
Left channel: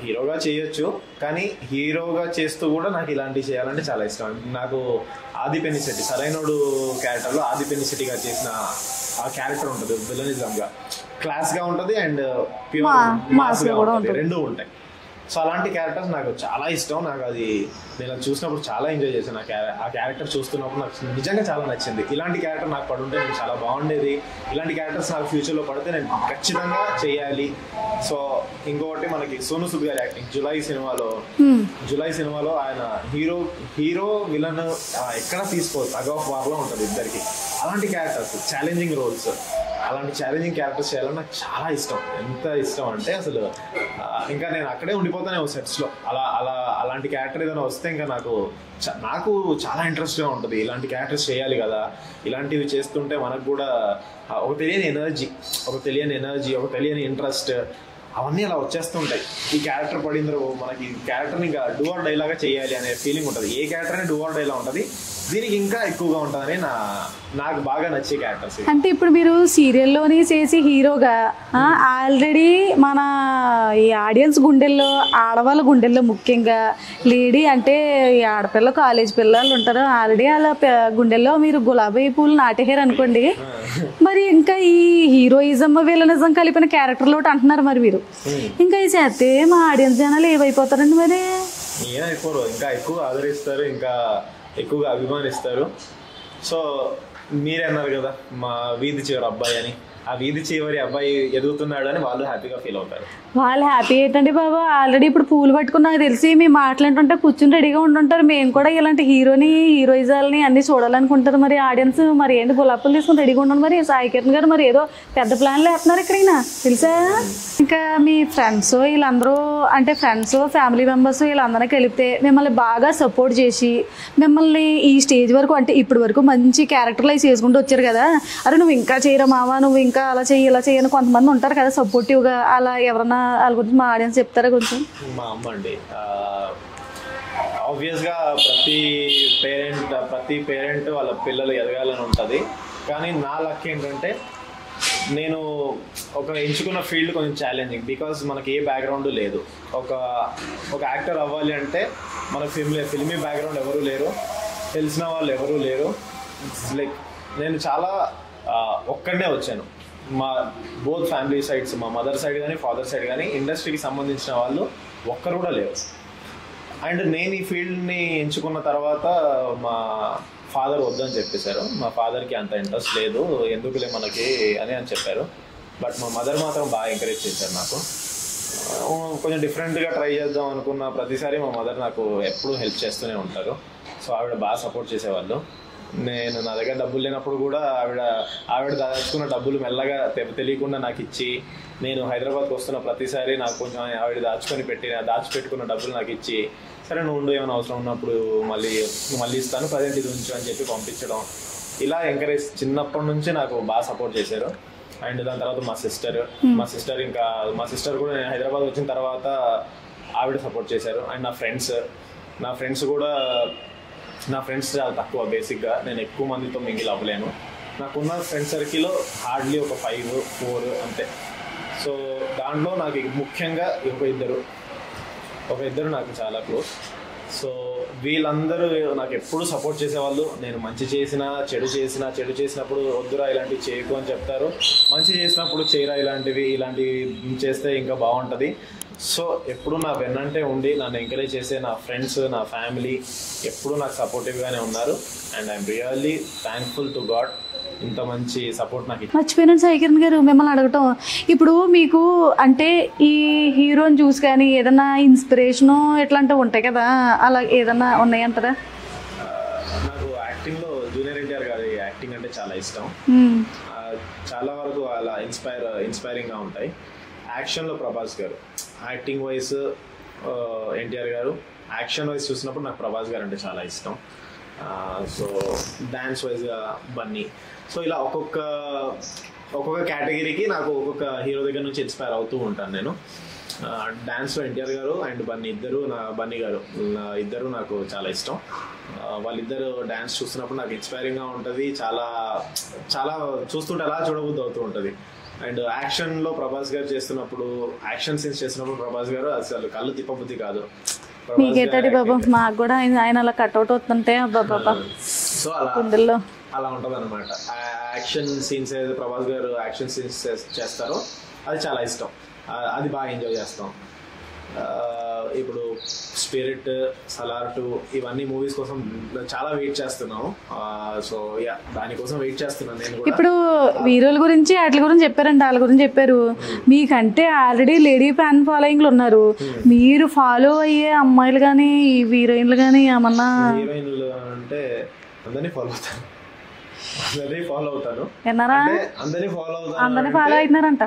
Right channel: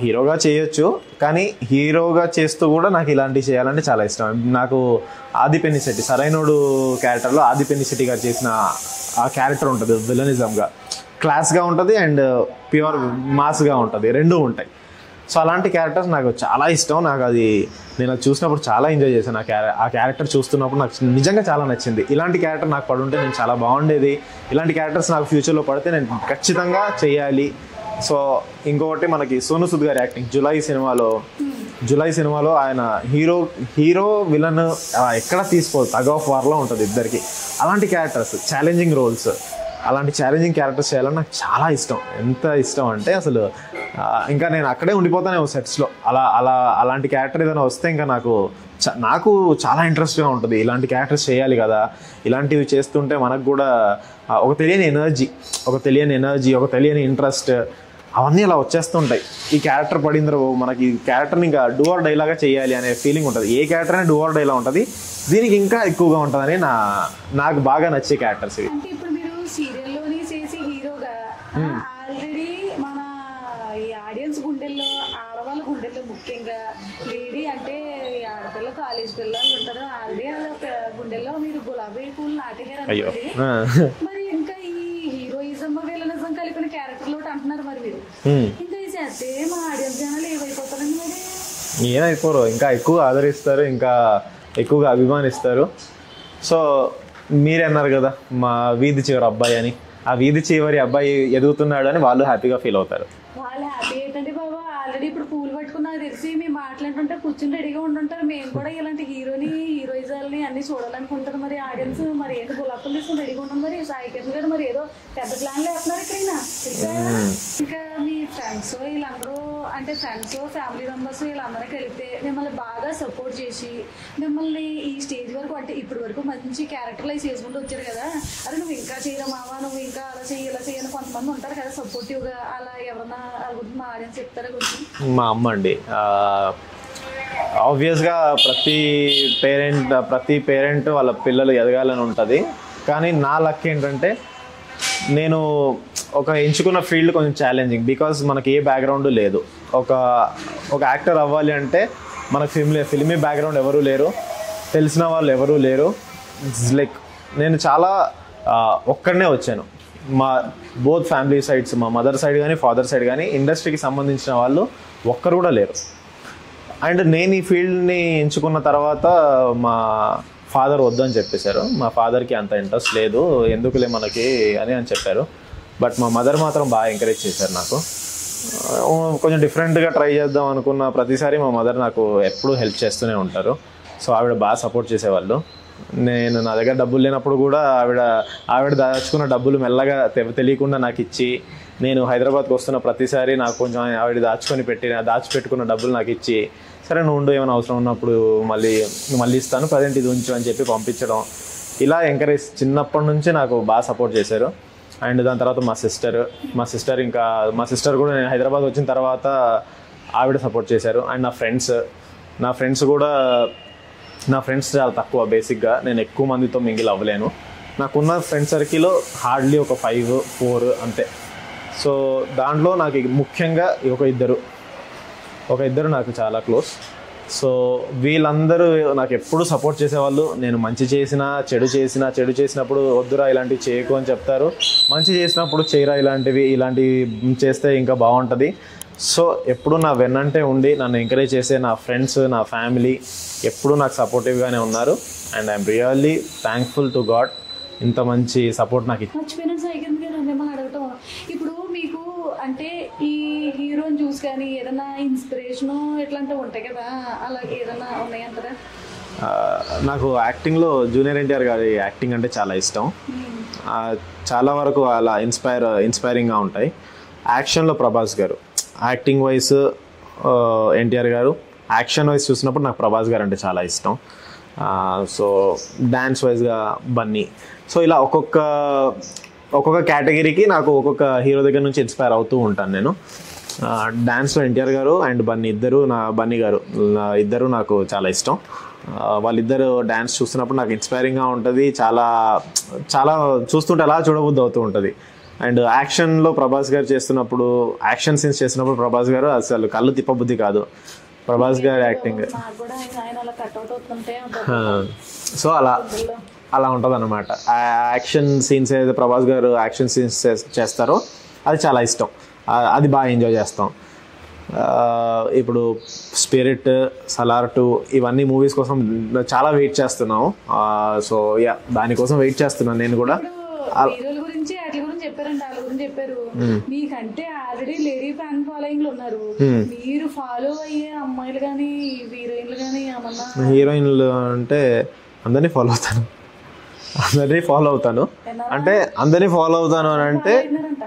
హీరోగా చేయొచ్చు, కానీ హీరోగా చేస్తూ కూడా నాకు ఇలాంటివి చేయాలంటే చాలా ఇష్టం. నాకు ఆది పెన్నిశెట్టి సరైనోడు క్యారెక్టర్లో ఆది పెన్నిశెట్టి గారు చేసిన ఆ క్యారెక్టర్ ఉంటుంది, విలనిజంగా క్లాస్గా ఉంటుంది అండ్ ప్యూర్ మాస్గా ఉంటుంది, రెండూ ఉంటాయి. సో అలాంటి క్యారెక్టర్స్ నాకు చాలా ఇష్టం. నాకు అది నేను అది చూసినప్పుడు చాలా ఎంజాయ్ చేశాను. ఆ క్యారెక్టర్ చూస్తున్నప్పుడు నాకు నిజంగా చాలా నచ్చింది. ఇలాంటి క్యారెక్టర్ నాకు పడుంటే నేను చాలా బాగుండేది, ఇలాంటి క్యారెక్టర్స్ నాకు ఫ్యూచర్లో పడితే నేను ఖచ్చితంగా చేయాలి. సో ఇంకొకటి మనకి సోను సూద్ గారి యాక్టింగ్ జులై సినిమాలో ఆయన హీరో విలన్ ఎక్కడ తీసుకోదు, టగ్ ఆఫ్ వార్లో ఉంటుంది ఇద్దరికి. అలాంటి క్యారెక్టర్స్, ఛాలెంజింగ్ రోల్స్, అలాంటి ఛాలెంజింగ్ క్యారెక్టర్స్ చేయాలని నాకు చాలా ఇష్టం. ఎంత ఇష్టం అంటే అసలు ఇంకా నేను అక్కడే ఉండిపోతానే సెట్స్లో. అలాంటి క్యారెక్టర్ ఏదైనా వస్తే ఇంకా నాకు చాలా ఇంట్రెస్ట్గా ఉంటుంది. ఇలాంటి క్యారెక్టర్స్ చేయాలి కదా, ఇలాంటివి చేస్తుంటే మనకు కూడా ఒక తెలియని ఎనర్జీ, ఒక తెలియని ఇంట్రెస్ట్, అవన్నీ అలా వచ్చేస్తుంటాయి. ఈ క్యారెక్టర్ పడిందో మనకి క్యారెక్టర్ని ఇంకా డూ ఆర్ డై లాగా చేయాలి అనే ఫీలింగ్ ఉంటుంది. ఏ క్యారెక్టర్ అయినా డూ ఆర్ డైలా ఉంటుంది, దీనికి ఇంకా ఎక్కువగా ఉంటుందని నాకు బాగా నచ్చే క్యారెక్టర్స్. అంటే ఇప్పుడు మీరు సీరియల్లోని చేసి హీరోగా ఆల్రెడీ మన ఈ ఆడియన్స్ గుండెల్లో, ఆడవాళ్ళ గుండెల్లో ముఖ్యంగా లేడీ అంటే ఈ ఆడపిల్ల కాలేజ్ పిల్లలు ఉంటారు, ఆల్రెడీ అలా గుండెల్లో మీరు గులాబీ పూలు నాటేహారు అనుకోండి. మరి ఇంకా ఈ హీరోయిజం విలనిజం కలిపిన క్యారెక్టర్లు ఒకటి అంటున్నారు మరి మీరు, ఇంకా ఈ చేస్తే మా ఆడియన్స్ జనాలు ఏమైపోతారండి? మరి ఏమైపోరు, ఇంకా ఎక్కువ ఆదరిస్తారు, ఇంకా ఎక్కువగా అభిమానిస్తారు. సో మీరే అన్నారు కదా మా వీధి చివరి అబ్బాయి అని, ఆ వీధి చివరి అబ్బాయి ఎదుగుతున్నాడు అని వాళ్ళు హ్యాపీగా ఫీల్ అవుతారు. వాళ్ళు హ్యాపీ ఏంటండి బాబు, ఆల్రెడీ ఇప్పుడు పూలు పట్టుకుని నాకు తెలిసి మేము మాట్లాడుతుంటే కూర్చుని రెడీగా ఉంటుంటారు. మేము కూడా ఇలాంటి హీరోయిజాలని అన్ని చూడాలనుకుంటారు. మరి ఆడియన్స్ మరి ఏంటి గులాబీలు తీసుకుని రెడీగా ఉంటారు. మరి సాయి కిరణ్ గారు మరి ఏదో పెద్ద ప్లాన్లు వేస్తున్నారు ఇక్కడ తెలుసా. ఇంకా మీ ఫ్రెండ్స్ వీళ్ళందరూ అంటే ఫ్రెండ్స్ ఫ్యామిలీ మెంబర్స్ వీళ్ళందరినీ కలిపితే మిమ్మల్ని బాగా సపోర్ట్ చేసి మిమ్మల్ని ఈ స్టేజ్ వరకు అంటే ఇప్పటి వరకు మంచి క్యారెక్టర్లు అవి చేసుకుంటూ వచ్చారు కదా, అరే నువ్వు ఇంకా చేయరా మావా, నువ్వు ఇంకా అలా చెయ్యి ఇలా చెయ్యని కొంతమంది ఉంటారు కదా సపోర్టివ్గా, అలా ఎవరన్నా వాళ్ళ గురించి మా ఆడియన్స్ చెప్తారా కొంచెం? మా అమ్మ అండి. ఆబ్వియస్గా ప్రతి పేరెంట్ వాళ్ళ పిల్లలు ఎదగాలని ఉంటుంది. కానీ నా లక్ ఏంటంటే నేను ఎంచుకున్న ఫీల్డ్ కొంచెం ఛాలెంజింగ్. బికాజ్ మనకి ఏ బ్యాక్గ్రౌండ్ లేదు. ఒక యాక్టర్ అవ్వాలి అంటే మనకు ఫిల్మీ బ్యాక్గ్రౌండ్ ఎవరూ లేరు, తెలిసిన వాళ్ళు ఎవరూ లేరు. లైక్ నేను చాలా ఒక్కడనే వచ్చాను. మా బోత్ ఫ్యామిలీ సైడ్స్, మా మదర్ సైడ్ కానీ ఫాదర్ సైడ్ కానీ ఇండస్ట్రీకి సంబంధించిన వాళ్ళు ఒక్కరు కూడా లేరు. అండ్ నేను ఈ ఫీల్డ్ని ఎంచుకున్న తర్వాత మా ఫాదర్ వద్దని చెప్పేశారు. మా ఫాదర్కి అంత ఇంట్రెస్ట్ లేదు, ఎందుకులే మనకి అని చెప్పారు. బట్ మా మదర్ మాత్రం బాగా ఎంకరేజ్ చేశారు. నాకు కొంచెం డిఫరెంట్గా ట్రై చేద్దాం అనుకున్న ప్రతిసారి మా మదర్ నాకు ఎప్పుడూ హెల్ప్ చేస్తూనే ఉంటారు. సో ఆవిడ బాగా సపోర్ట్ చేసేవాళ్ళు. నా దగ్గర డబ్బులు లేనప్పుడు కూడా ఆవిడ దాచుకున్న డబ్బులు మెల్లగా తెలియకుండా నాకు ఇచ్చి, నేను హైదరాబాద్కి వస్తున్న ప్రతిసారి నాకు కొంచెం ఆవిడ దాచిపెట్టుకున్న డబ్బులు నాకు ఇచ్చి, సరే నువ్వు ఉండు ఏమైనా అవసరం ఉన్నప్పుడు మళ్ళీ ఇస్తాను, ప్రజెంట్ ఇది ఉంచు అని చెప్పి పంపించడం, ఇలా ఎంకరేజ్ చిన్నప్పటి నుంచి నాకు బాగా సపోర్ట్ చేశారు. అండ్ దాని తర్వాత మా సిస్టర్ కూడా నేను హైదరాబాద్ వచ్చిన తర్వాత ఆవిడ సపోర్ట్ చేశారు. అండ్ నా ఫ్రెండ్స్ చాలా తక్కువ. బేసిక్గా నేను ఎక్కువ మందితో మింగిల్ అవ్వలేను. నాకున్న ఫ్రెండ్ సర్కిల్లో హార్డ్లీ ఒక 5-4 అంతే. సో దాంట్లో నాకు ముఖ్యంగా ఒక ఇద్దరు నాకు చాలా క్లోజ్. సో వీళ్ళందరూ నాకు ఎప్పుడు సపోర్ట్ చేసేవాళ్ళు. నేను మంచి చేసినా చెడు చేసినప్పుడు వద్దురా ఇలాంటివి చేయకు అని చెప్తారు, మంచి చేసినప్పుడు చేయరా ఇలాంటివి చేస్తే ఇంకా బాగుంటుంది. సో ఎప్పుడు నా వెన్నంటే ఉండి నన్ను ఎంకరేజ్ చేసే నా ఫ్రెండ్స్, నా ఫ్యామిలీ ఎప్పుడు నాకు సపోర్టివ్గానే ఉన్నారు. And I'm really thankful to God ఇంత మంచి సపోర్ట్ నాకు. మర్చిపోయినాను సాయి కిరణ్ గారు మిమ్మల్ని అడగటం, ఇప్పుడు మీకు అంటే ఈ హీరోని చూసి కానీ ఏదైనా ఇన్స్పిరేషను ఎట్లాంటివి ఉంటాయి కదా, అలా ఏదన్నా ఉన్నాయంటారా? నాకు యాక్టింగ్లో జూనియర్ ఎన్టీఆర్ గారి యాక్టింగ్ అంటే చాలా ఇష్టం. చాలా వరకు అలా ఇన్స్పైరింగ్గా ఉంటాయి. యాక్షన్లో ప్రభాస్ గారు, యాక్టింగ్ వైజ్ ఎన్టీఆర్ గారు, యాక్షన్ వైజ్ చూసినప్పుడు నాకు ప్రభాస్ గారు అంటే చాలా ఇష్టం. సో డ్యాన్స్ వైజ్గా బన్నీ. సో ఇలా ఒక్కొక్క కేటగిరీకి నాకు ఒక్కొక్క హీరో దగ్గర నుంచి ఇన్స్పైర్ అవుతూ ఉంటాను నేను. డ్యాన్స్లో ఎన్టీఆర్ గారు అండ్ బన్నీ గారు ఇద్దరు నాకు చాలా ఇష్టం. వాళ్ళిద్దరు డ్యాన్స్ చూస్తున్నప్పుడు నాకు ఇన్స్పైరింగ్గా ఉంటుంది. చాలా చాలా చూస్తుంటే అలా చూడబుద్ధి అవుతూ ఉంటుంది. అండ్ యాక్షన్లో ప్రభాస్ గారు యాక్షన్ సీన్స్ చేస్తున్నప్పుడు ప్రభాస్ గారు అసలు కళ్ళు తిప్పబుద్ధి కాదు. ప్రభాస్ గారు సో అలా ఉంటుంది అనమాట. యాక్షన్ సీన్స్ ఏదైతే ప్రభాస్ గారు యాక్షన్ సీన్స్ చేస్తారో అది చాలా ఇష్టం, అది బాగా ఎంజాయ్ చేస్తాం. ఇప్పుడు స్పిరిట్, సలార్ 2 ఇవన్నీ మూవీస్ కోసం చాలా వెయిట్ చేస్తున్నాం. సో యా దానికోసం వెయిట్ చేస్తున్నాను నేను కూడా. ఇప్పుడు హీరోల గురించి వాటి గురించి చెప్పారండి, వాళ్ళ గురించి చెప్పారు. మీకంటే ఆల్రెడీ లేడీ ఫ్యాన్ ఫాలోయింగ్లు ఉన్నారు. మీరు ఫాలో అయ్యే అమ్మాయిలు కానీ హీరోయిన్లు కానీ ఏమన్నా? హీరోయిన్లు అంటే అందరినీ ఫాలో అవుతాను అంటే అందరినీ ఫాలో అవుతాను అంటే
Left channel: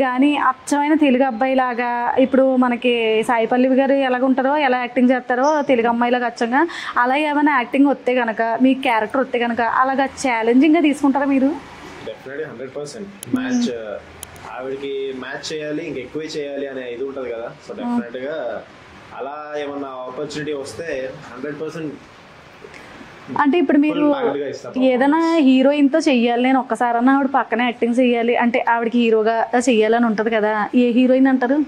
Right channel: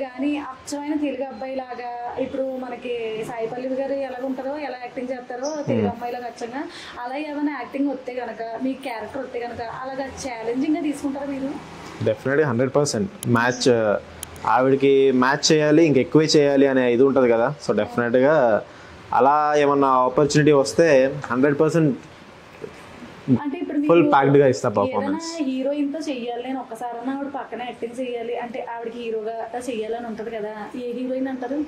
కానీ అచ్చమైన తెలుగు అబ్బాయి లాగా ఇప్పుడు మనకి సాయి పల్లవి గారు ఎలాగుంటారో, ఎలా యాక్టింగ్ చేస్తారో తెలుగు అమ్మాయిలాగా అచ్చంగా అలా ఏమైనా యాక్టింగ్ వస్తే కనుక, మీ క్యారెక్టర్ వస్తే కనుక అలాగా ఛాలెంజింగ్గా తీసుకుంటారా మీరు? డెఫినెట్గా 100% మ్యాచ్, ఆవిడకి మ్యాచ్ చేయాలి, ఇంకెక్కువే చేయాలి అనే ఇది ఉంటుంది కదా. సో డెఫినెట్గా అలా ఏమన్నా ఆపర్చునిటీ వస్తే 100% అంటే ఇప్పుడు మీరు ఏదైనా హీరోయిన్ తో చెయ్యాలి, నేను ఒక్కసారన్నా ఆవిడ పక్కన యాక్టింగ్ చెయ్యాలి అంటే ఆవిడకి హీరోగా చెయ్యాలని ఉంటది కదా, ఏ హీరోయిన్ అంటారు?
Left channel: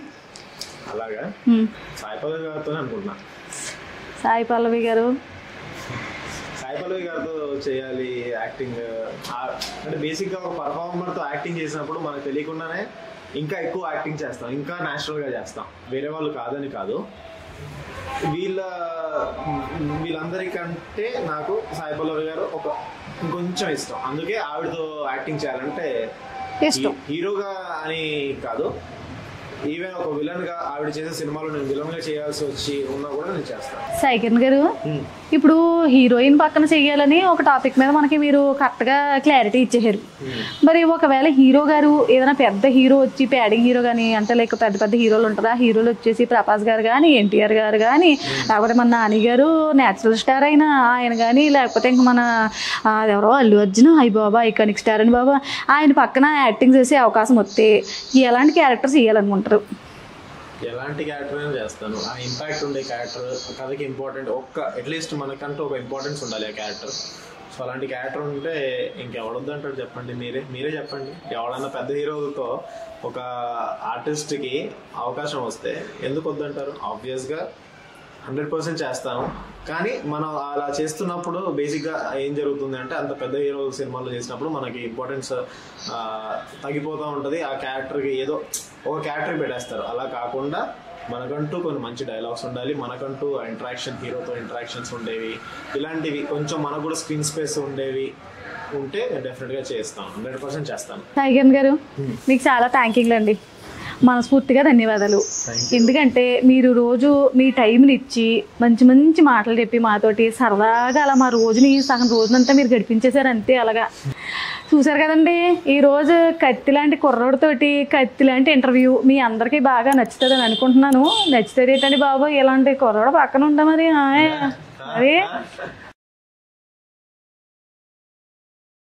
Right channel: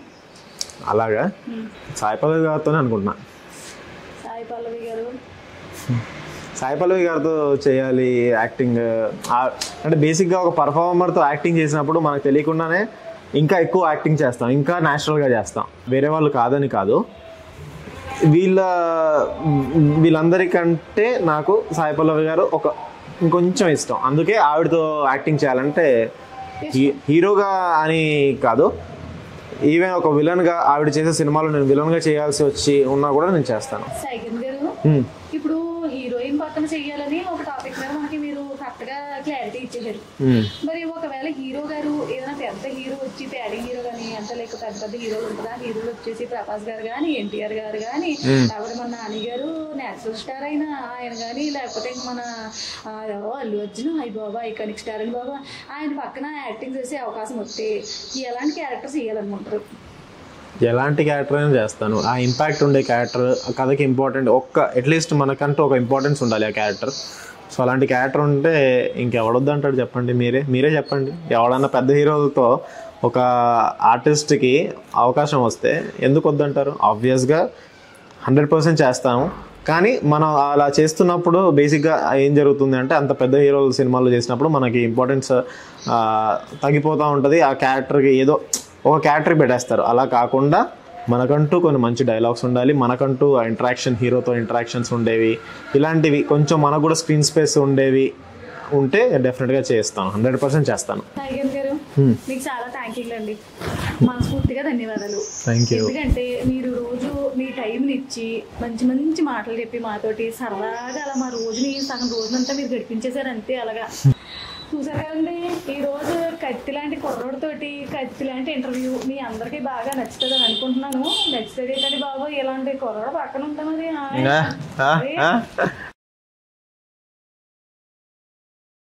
అలాగా సాయి పల్లవి గారితోనే అనుకుంటున్నా. సాయి పల్లవి గారితో చేయాలి యాక్టింగ్. అంటే బేసిక్గా ఒక పర్ఫార్మర్తో యాక్టింగ్ చేసినప్పుడు మనకు తెలియకుండానే ఇంకా ఎక్కువ యాక్టింగ్ చేస్తాం, ఇంకా న్యాచురల్గా చేస్తాం. వేరే వాళ్ళు కాదని కాదు, వీళ్ళందరికంటే నాకు సాయి పల్లవి గారు ఇంకొంచెం ఇష్టం. అందుకే ఆవిడతో యాక్టింగ్ చేయాలంటే హీరోగా అని కాదు, ఈవెన్ ఒక విలన్ గా ఆవిడ చేసే సినిమాలో నేను విలన్ గా చేయాల్సి వచ్చి ఉన్నా కూడా నేను చేస్తాను. సాయికిరణ్ గారు, ఇప్పుడు హీరోయిన్ పక్కన చెయ్యాలని ఒక టాపిక్ మీద మనకి మీరు కరెక్ట్ గా క్లారిటీ ఇచ్చేసారు. మరి ఒకవేళ హీరో గారు ఏదైనా పెద్ద హీరో వచ్చి, ప్యాడింగ్ హీరో గానీ అంటే లైక్ పెద్ద పెద్ద హీరోలు ఉంటారా, హీరోలు వచ్చేసి ప్రభాస్ గారు కానీ, ఎన్టీఆర్ గారు కానీ, లేకపోతే మన నాని గారు నేచురల్ స్టార్ అయినా ఆయన కానీ, లేకపోతే ఇంకా మన ఎవరో అల్లు అర్జున్, అయ్యి బాబా ఐకానిక్ స్టార్ అని బాబా, ఆయన పక్కన యాక్టింగ్ చేసే అవకాశం వస్తే ఎలాంటి క్యారెక్టర్స్ ఇవ్వాలనుకుంటారు? ఎలాంటి క్యారెక్టర్ అయినా చేస్తాను. ఆ ఇంపాక్ట్ ఉండే క్యారెక్టర్, కథకి ఇంపార్టెంట్, అట్లీస్ట్ మనకంటూ ఒక ఇంపార్టెన్స్ ఉండాలి ఆ క్యారెక్టర్. సో అలాంటి క్యారెక్టర్ ఉంటే ఇంకెవడొద్దు అంటాడు చెప్పండి, మీరే చెప్పండి. ఎవడన్నా పెద్ద హీరోలతో ఒక ఆర్టిస్ట్కి అవకాశం వస్తే ఎందుకు వద్దంటారు? ఆబ్వియస్గా 100% చేస్తాము. కానీ మనం అలా చేస్తున్నప్పుడు బేసిక్గా ఏం జరుగుతుంది అంటే, అంత పెద్ద హీరోల సినిమాలు చేసినప్పుడు మనకి ఇంపార్టెన్స్ తగ్గిపోతూ ఉంటుంది. ఆ క్యారెక్టర్కి ఏదో ఒక క్యారెక్టర్ పెట్టేస్తారు. అలా కాకుండా మనకంటూ కొన్ని మంచి డైలాగ్స్ ఉండాలి, మనకంటూ ఇంటరాక్షన్, హీరోతో ఇంటరాక్షన్స్ ఉండేవి, ఇలాంటివి కొంచెం మనకు కూడా స్క్రీన్ స్పేస్ ఉండేవి ఉంటే డెఫినెట్గా చేస్తాను, 100% చేస్తాను. సాయికిరణ్ గారు, మీకు చాలా థ్యాంక్యూలు అండి, మనస్ఫూర్తిగా ధన్యవాదాలు. ఎందుకంటే మీరు రోజు మీ టైంని ఇచ్చి మంచి మంచి మాటలు చెప్పి మాతోటి సరదాగా అలా మా రోజుని సగం రోజునంతా మీరు గడిపించేశారు అంతే. అలాగా చూసారు కదండి, ఈరోజు కత్తి లాంటి కుర్రోడితోటి కత్తి లాంటి ఇంటర్వ్యూ మీ అందరికీ బాగా నచ్చుతుంది అని అనుకుంటున్నాను. నచ్చుతుంది ఏంటండి బాబు, ఇలాంటి కుర్రోడు పక్కన ఉంటా మరి.